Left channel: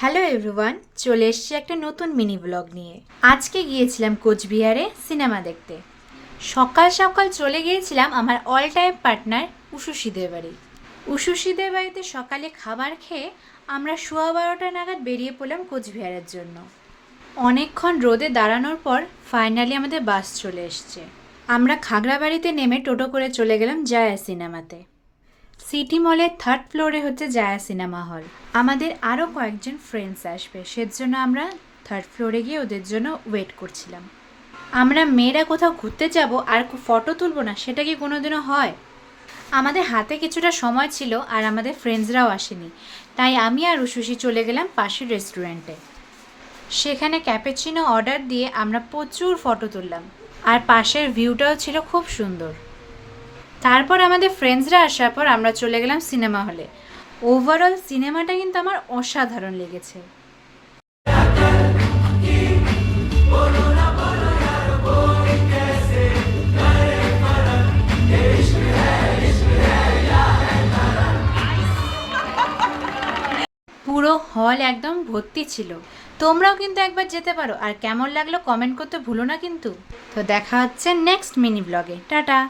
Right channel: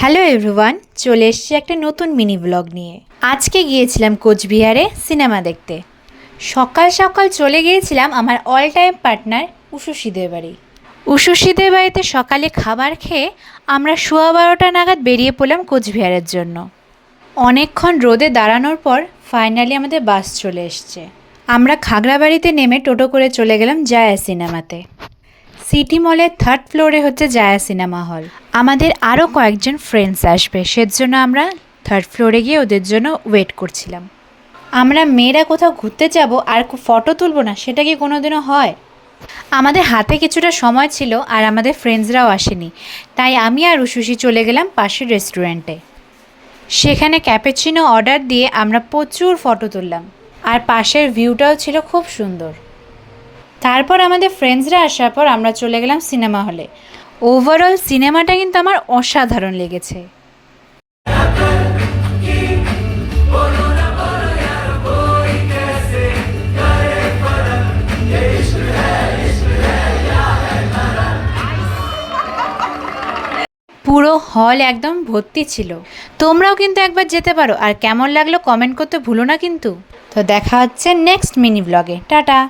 Hello everyone, চলে এসেছি একটা নতুন মিনি ব্লগ নিয়ে। আজকে গিয়েছিলাম কোচবিহারে সিনেমা দেখতে। সকাল সকাল চলে গিয়েছিলাম আমার অল টাইম পার্টনার উষসীদের বাড়ি। উষসীদের বাড়িতে সকালে খাবার খেয়ে আমরা 12:15 নাগাদ বেরিয়ে পড়লাম কোচবিহারের জন্য। অনেকক্ষণ রোদে দাঁড়ানোর পর ফাইনালি আমাদের বাস চলে এসছে। আমরা খাগড়াবাড়িতে নেমে টোটো করে চলে গেলাম জায়া সিনেমাতে। সিটি মলের 3rd ফ্লোরে হচ্ছে জায়া সিনেমা হল। আমাদের আরও কয়েকজন ফ্রেন্ডস আসবে, সেজন্য আমরা 3rd ফ্লোরে গিয়ে ওদের জন্য ওয়েট করছিলাম। আমরা মেয়েরা কোথাও ঘুরতে যাব আর ফটো তুলবো না, সেটা কি কোনোদিনও হয়? আমাদের হাতে কিছুটা সময় ছিল আর আমাদের ফ্রেন্ডসরাও আসেনি, তাই আমি আর উষসী চলে গেলাম পাশের রেস্টুরেন্টে। সেখানে ক্যাপুচিনো অর্ডার দিয়ে আমরা প্রচুর ফটো তুললাম, আর পাশের ভিউটাও ছিল খুব সুন্দর। তারপর আমাদের ফ্রেন্ডসরা আসার পর আমরা চলে গেলাম সিনেমা হলে। ওভারঅল সিনেমাটা কিন্তু আমার অসাধারণ লেগেছে। পুরো হল একদম ভর্তি ছিল। তোমরাও কিন্তু একবার যেতে পারো, আর কেমন লাগলো কমেন্ট করতে ভুলো না কিন্তু। তো দেখা হচ্ছে নেক্সট মিনি ব্লগে। টাটা।